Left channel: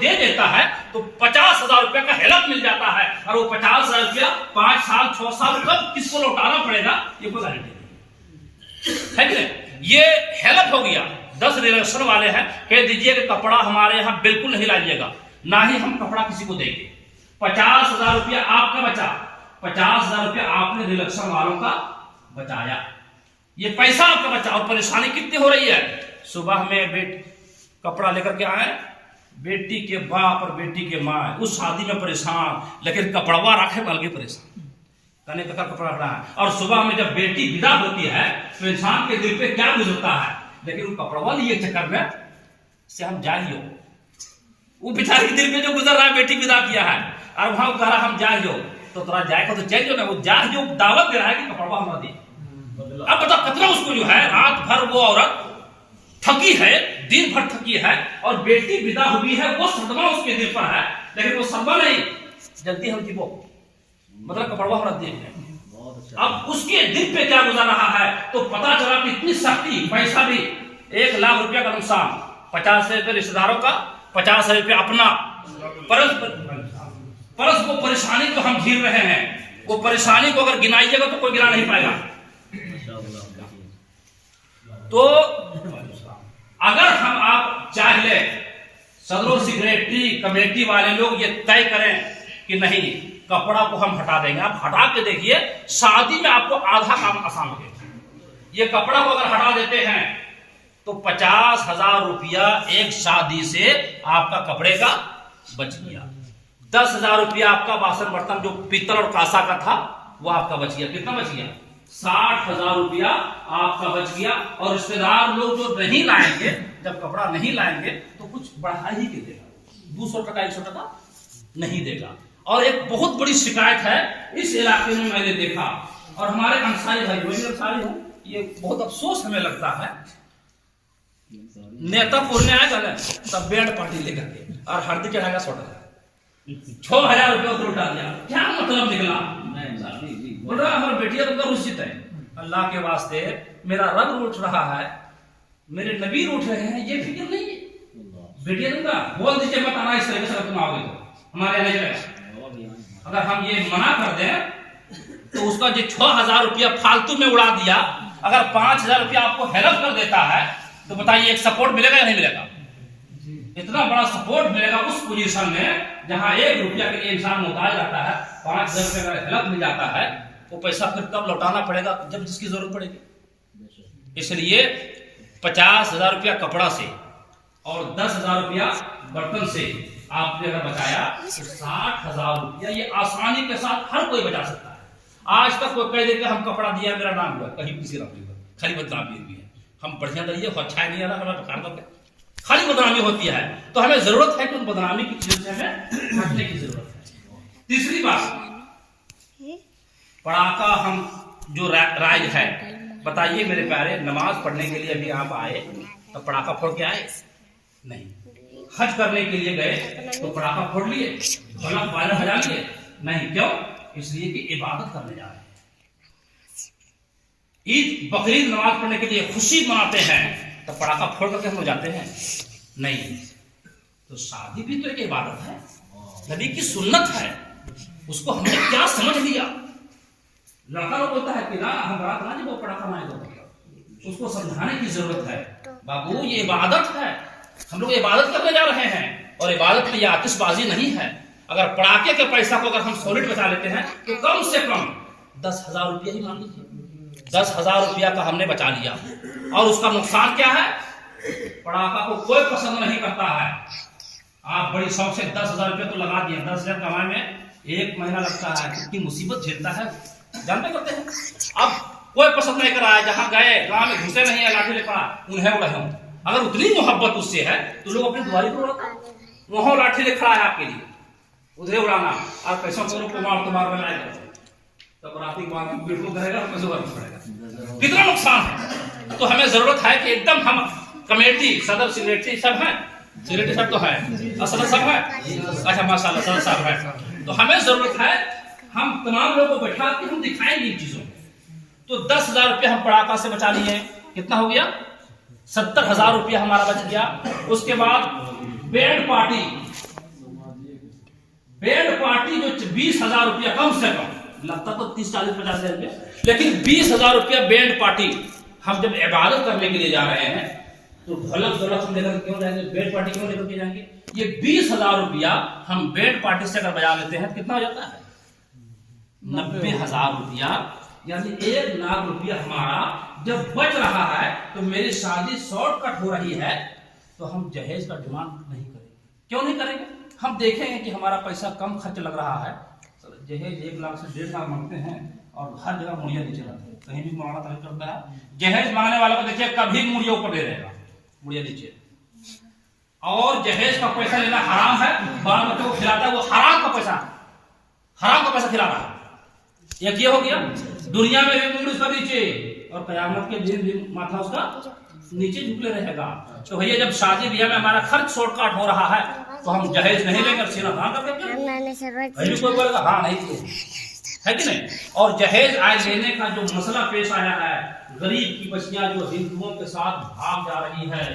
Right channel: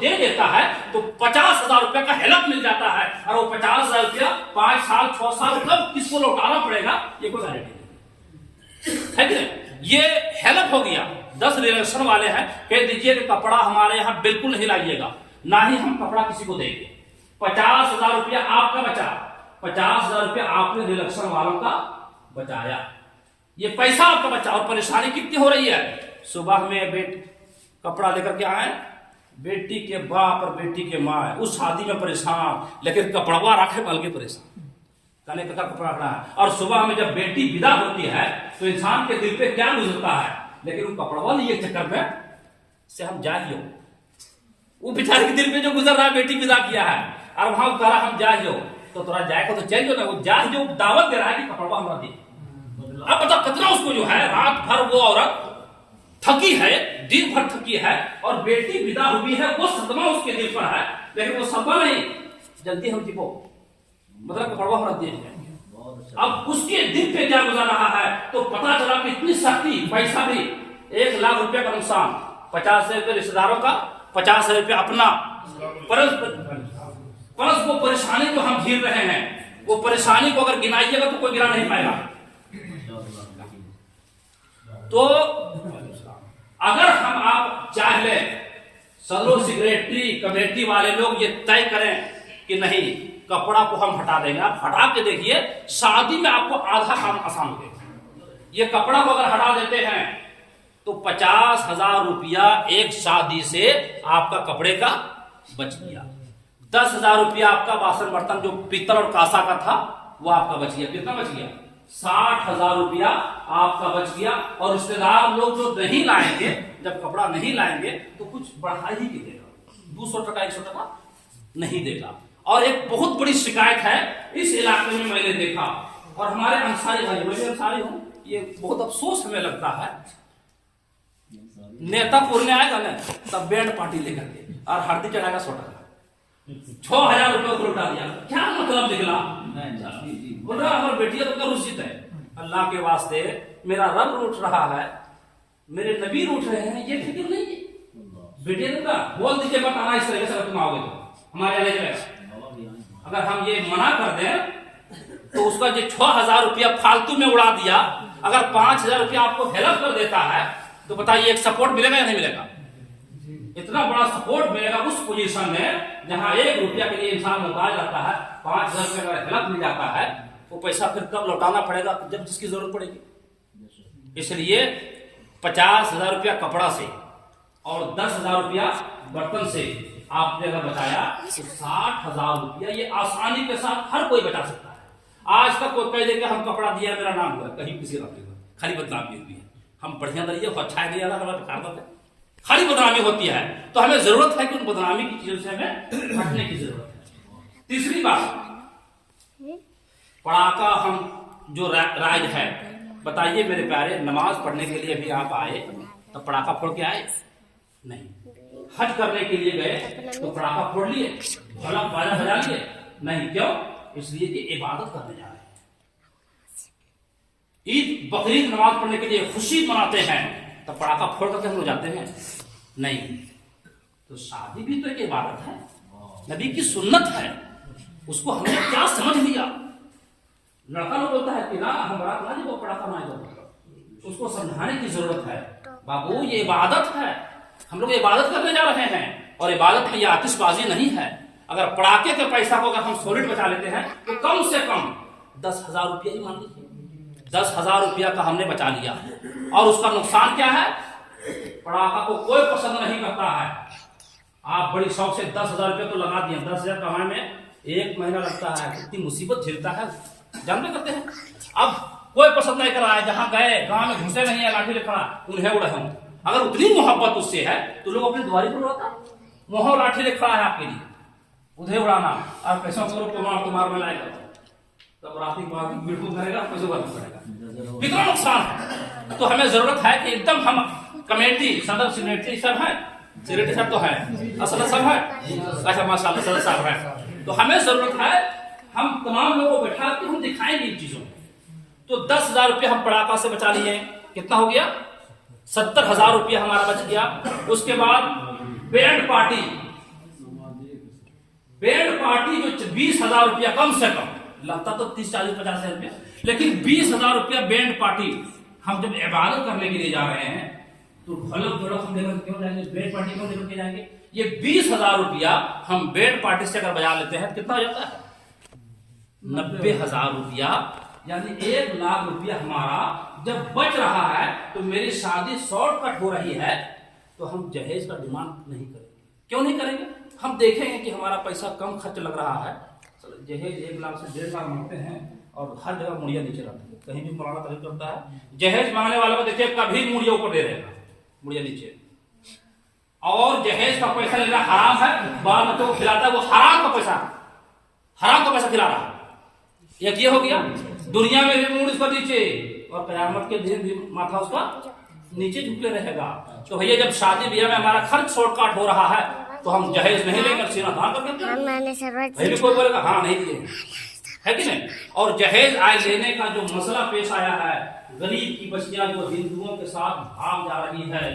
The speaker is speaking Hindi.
दे देता है तो 50,000 रुपया का हेल्प मिल जाता है, और वो 50,000 रुपया 5 साल 6 साल कब किसको लौटाना पड़ेगा ये कोई गारंटी नहीं है कि नहीं। ये हेल्प हो गया। 10 रिलेशन वाले हैं, कह दीजिए कि कपड़ा हमारे यहाँ बिल्कुल नहीं लाइएगा, ना ही हम कपड़ा किसी को देंगे। 50,000 रुपया आपका बचा, 50,000 रुपया आपने रिलेशन वालों का बचाया, ये पैसा आपका बचा। और परेशानी कितनी हो रही है, सुबह में कपड़ा लेकर के आए, बेटी के बाप और बेटी के माँ उस शादी में परेशान, लेकिन कपड़वा रखे अलगे परेशान, कहने का कपड़ा रहा है। और सुबह में जब बेटी विदा होती है तो इंसान के दिल पे क्या गुजरता है, लेकिन वो कपड़वा लिए चक्कर में से हम जाइयो, वो बेचारे के दिल पे जो गुजर रहा है, बेटी विदा किया है और वहां कह रहा हम जाइयो, तो तोरा जाएगा तो चल जो ना, वो जा जो दावत दे रहा है कि कपड़वा हमरा दे। अब बताओ कितना उसको जो है रात भर वो औरत थकी है, दिन भर थकी है, और बेटी विदा हुई है, वो सदमा उसके दिल पर है, लेकिन वो सदमा नहीं, जल्दी हम वो मतलब कपड़वा हमरा दे। अब उसके दिल पे क्या गुजर रहा है, तो पता चला कि इतनी सख्ती, पैसा भी 1 लाख रुपया का नुकसान, 50,000 रुपये रिश्तेदारों का, 50,000 रुपया अपना, परस वो परेशानी को हम झेल रहे हैं। वो परेशानी को अगर गिनाइएगा तो कोई गिना नहीं पाएगा। तो अगर हम आप चाहे सदर सेक्रेटरी कमेटी वाले लोग ये तय करें कि नहीं कपड़ा को हम हटा देंगे, आप हटा के देखिए शादी में आपको आधा काम आसान हो गया। ये कपड़ा को अगर हटा देते हैं तो 50,000 रुपया एक शादी से आपका कपड़े का बच गया। 10,000 रुपया आपका बासन बर्तन जो पीतल और कांसा का था वो आपका बच गया। कितना बच गया? 60,000 रुपया आपका बच गया। और रिश्तेदार लोग जो नहीं लाएंगे, जब कपड़ा नहीं लाएंगे तो कुछ बढ़ा ही के देगा, 200 टका 100 टका नहीं देगा। और एक बहुत बड़ी शिकायत है इस इलाके में, मैंने देखा, और हमारे अंसारी भाई, मैं अंसारी हूं, ये बहुत अफसोस हमें लगता है, नेता पुरने आएगा ना तब बैंड पार्टी लेकर के और हल्दी चढ़ाएगा 6,000 रुपया को लौटा दिया। क्या मतलब निकला? बोल रहा हमारी बेटिया तो रुचित है, अल्लाह के वास्ते मेरा रब उठ रहा है, मेरे नबी उठ रहे हैं, ये फिक्र नहीं है। बेटिया बोल दीजिए मत आना, इस तरीके से तुम आओगे तो हमारे यहाँ नहीं। अगर हम ये मना कर दें तो उसका जो 6,000 रुपया फालतू में उड़ा दिया, अगर 5,000 रुपया आपको हेल्प कर देता है तो बताइए एक सपोर्ट मिलेगा या नहीं मिलेगा? इतना बड़ा सपोर्ट मिलेगा उस पोजीशन में जहां 1 रुपया के लिए इंसान मुताज रहता है। 5,000 रुपये का हेल्प मिल जाता है, वो पैसा फिर कब लौटाना पड़ेगा? जब जिसकी जरूरत पड़ेगी। इसलिए 50,000 रुपया कपड़ा से और 10,000 रुपया बर्तन से आपने अगर बचाया तो 60,000 रुपया ये आसानी के साथ हर कोई बचा सकता है। आज तक कोई कह दे कि हम कपड़ा दिया मेरा नाम हुआ, कहीं किसी नाम नहीं हुआ, खाली बदनामी हुई है। हम बढ़िया दरिए अच्छा नहीं आ रहा, खाली बदनामी होती है। तो हमें जरूरत है कि उन बदनामी की चीजों से हमें हटने की जरूरत है। तीसरी बात, पड़ाका हम जो राज है, बताइए मेरे प्यारे, नमाज पढ़ने के लिए अभी आप आए तो पड़ाका फोड़ के आए नहीं, हज करने के लिए गए तो पड़ाका फोड़ लिए, बाजा बजा लिए नहीं, क्यों? इसलिए कि इबादत करने जा रहे हैं। ईद बकरीद नमाज पढ़ने के लिए खुशी मनाते हैं तो पड़ाका फोड़ करके हो जाते हैं नहीं। तो शादी भी तो एक इबादत है, नबी की सुन्नत है, उसको हमने क्या समझ लिया। लड़का लोग बोलता है कि ना हम बारात ना वो पड़ाका ना दो, उसको समझाने की जरूरत है। बाबू ये इबादत है, हम लोग इबादत करने जा रहे हैं, और इबादत की आतिशबाजी नहीं है। अगर पड़ाके के पैसा को अगर हम सॉलिड बचा लेते हैं तो कम से कम 10,000 रुपया ही मान लीजिए, 10,000 रुपया का हमने बचा लिया। और उसका नुकसान क्या है? पड़ाका को कोई पसंद नहीं करता है। आप बड़ी शौक से 10,000 रुपया तो लगा दिए, 10,000 कमाने में 1 महीना लगता है, कितनी मुसीबत झेलता है जानते करते हैं। अब कोई पसंद नहीं कर रहा है, जहां गए गांव में घुसे नहीं है, लाठी लेकर उन्हें उड़े। अगर उतनी मोहब्बत उससे है तो लोग अपनी द्वारी पर उड़ाता, वहां लाठी लेकर आया आपके लिए, उधर उड़ाना, और पैसों को मार तो मार में लाएगा, तब राती बिल्कुल करेगा, पैसे पड़ेगा, कितना नुकसान है। तो हमें जरूरत है कि एकदम हम कमेटी, सदर सेक्रेटरी सब है, सेक्रेटरी सब तो है, असल सब है, अच्छा माशाल्लाह सदर साहब है, तो हमें जरूरत है हम तमाम लोगों को बैठा के हम दिखाएंगे इन चीजों को। तो 10,000 रुपया हम पड़ाका से बचा लिए, कितना हो गया? 70,000 रुपया हमारा बच गया। उसके बाद बैंड पार्टी बैंड पार्टी जो 20,000 रुपया कम से कम, लगता तो 30, 40, 50 रुपया, लेकिन 20,000 रुपया बैंड पार्टी हम जब इबादत करने के लिए जा रहे हैं तो ढोलक ढोलक हम लेकर क्यों जाएंगे, बैंड पार्टी क्यों लेकर के जाएंगे? ये 20,000 रुपया हम बैंड पार्टी से अगर बजा लेते हैं कितना हो जाता है? 90,000 रुपया, यानी 1 लाख रुपया हमारा जब बच रहा है तो मेरी शादी शॉर्टकट हो रही है, तो हम जहेज का डिमांड नहीं करेंगे। क्यों नहीं करेंगे? हम देखेंगे कि हमारा पैसा कम खर्च लग रहा है, जहेज 1 लाख से 1.5 लाख मांगते हैं और हर जगह मुड़िया नीचे रहती है, कहीं भी मौलाना तलब करता है, जहेज मांगने वाले को देखिए कभी मुड़िया ऊपर दे रहेगा, मुड़िया नीचे। और जहेज का पैसा लेना हराम है, बाल बच्चों को खिलाता है वो हराम का पैसा खिला रहा है। एक ये हो गया, दुनिया में भी मुड़ उसका नीचे और कयामत के दिन भी माथा उसका नीचे झुकले रहेगा। तो भैया जब शादी ब्याह में हमारा खर्च शॉर्टकट हो रहा है तो हम जहेज नहीं लेंगे, सीना धान करके भी कोई बोलेगा हाँ नहीं दिए, है कि नहीं? और जहेज आय लेने का जो मसला पेश आया है, गरीब की बच्चियां जो हिंदुओं के साथ भाग जा रही है,